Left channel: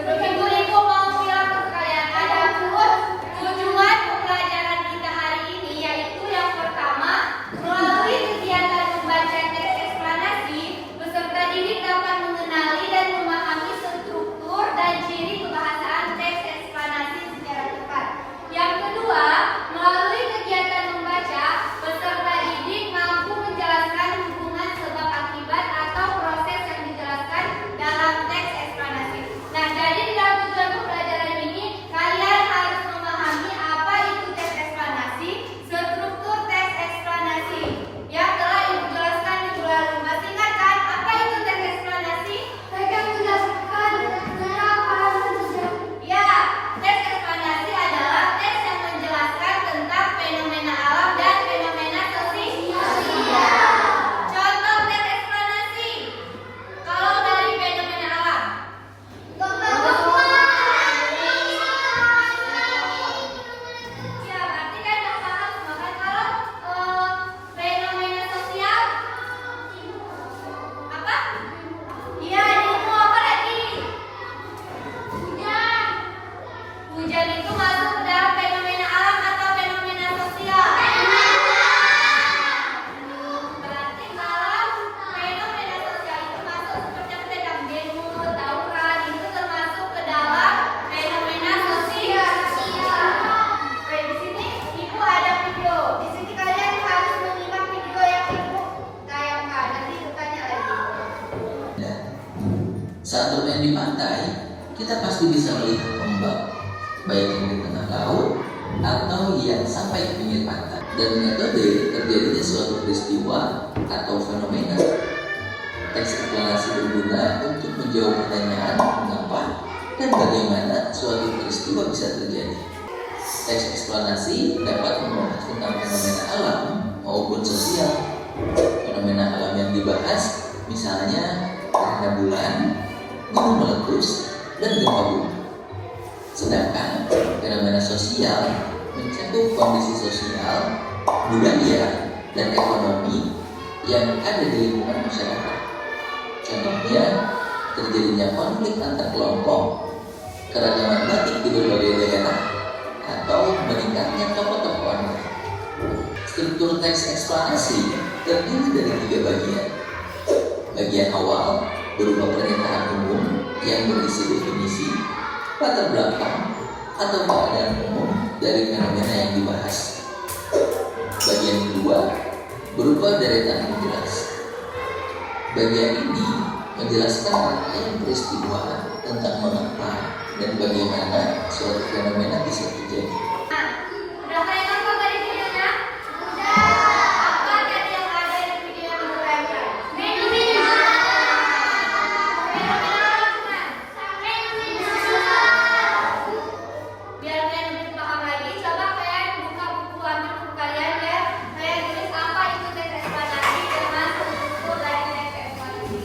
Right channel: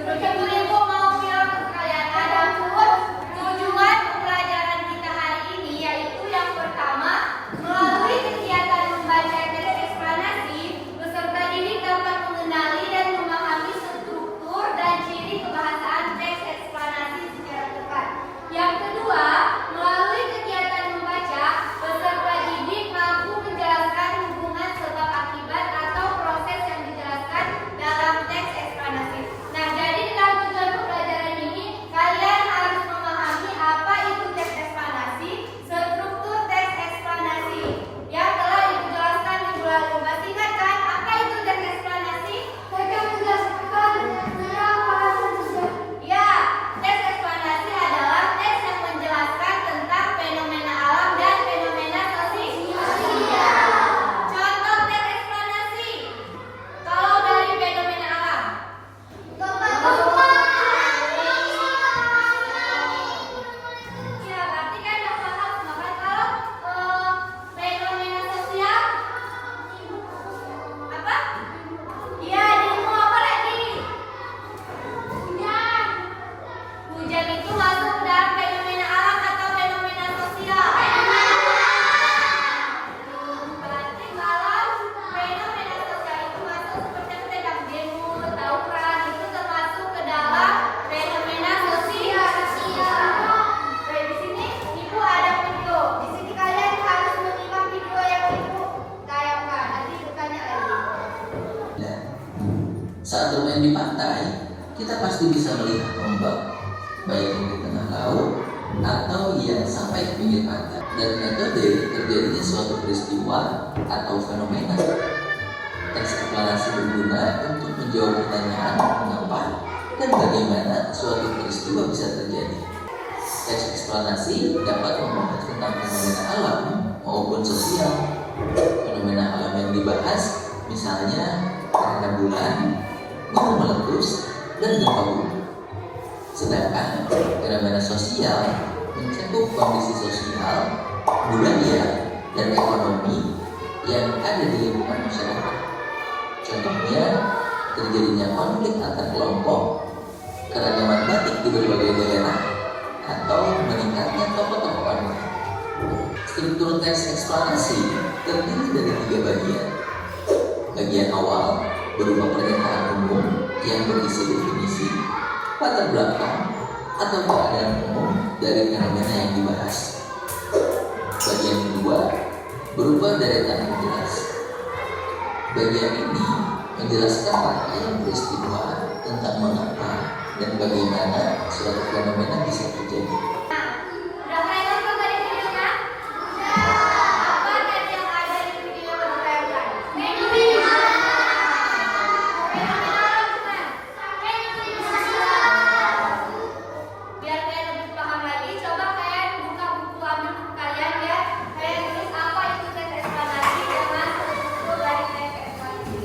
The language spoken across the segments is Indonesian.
Ibu-ibu mau bilang ke kalian, adapun tujuan pembelajaran kita hari ini yaitu yang pertama, melalui kegiatan membaca teks eksplanasi, peserta didik dapat mengenali dan memahami struktur dan ciri kebahasaan teks eksplanasi secara tepat. Yang kedua, melalui kegiatan membaca, peserta didik mampu menjelaskan hubungan sebab akibat atau proses yang dijelaskan dalam teks eksplanasi. Nah, jadi dalam tujuan pembelajaran ini, kalian harus memahami apa itu teks eksplanasi, struktur teks eksplanasi yang telah dijelaskan minggu lalu. Masih ingat kan apa itu teks eksplanasi? Mereka menjelaskan ya, teks eksplanasi adalah teks yang menjelaskan tentang fenomena alam dan fenomena sosial. Contoh teks eksplanasi. Kalau dari fenomena alam, ya berarti kan udah paham semua kan. Kalau fenomena sosial apa? Iya, ilmu apa lagi? Hujan. Hujan itu masuk ke dalam fenomena alam atau fenomena sosial? Berarti kalau fenomena sosial itu masuk seperti apa tadi demo, tawuran, itu termasuk ke dalam fenomena sosial. Baik, di sini Ibu ada video. Di sini kalian harus menyimak video yang Ibu tayangkan. Nanti bertanya lagi. Saat bermain di pantai, kita pasti bisa melihat ombak, baik yang di tengah laut atau yang sampai ke pinggir pantai. Dan metode terjadinya suatu peristiwa atau fenomena. Teks eksplanasi berguna untuk menjawab pertanyaan mengapa dan bagaimana suatu peristiwa bisa terjadi. Teks eksplanasi dapat membahas tentang fenomena alam maupun sosial. Fenomena alam yang dibahas misalnya gerhana bulan, gunung meletus, dan gempa bumi. Sedangkan fenomena sosial mencakup kondisi sosial, budaya, dan ekonomi yang ada di lingkungan masyarakat. Contohnya, terjadinya konflik antar kelompok, keragaman batik di berbagai daerah, atau meningkatnya tokoh-tokoh online. Struktur teks eksplanasi terdiri dari 3 bagian. Bagian awal berupa pernyataan umum yang berisi definisi, latar belakang, atau keadaan umum dari fenomena yang dibahas. Bagian kedua berupa deretan penjelas. Bagian ini menjelaskan rangkaian peristiwa tentang mengapa dan bagaimana suatu fenomena bisa terjadi. Udah kalian nonton tadi videonya? Apa tadi yang ada di video yang Ibu tayangkan? Fenomena. Biar kalian lebih paham lagi, coba kalian buka buku, ambil buku kalian ya. Kalian tulis apa itu teks eksplanasi dengan struktur dari teks eksplanasi.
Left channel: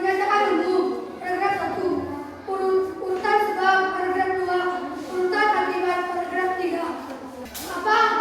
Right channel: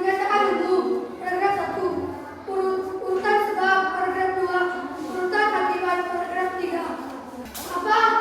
Menyatakan umum, paragraf 1. Urutan sebab, paragraf 2. Urutan akibat, paragraf 3. Apa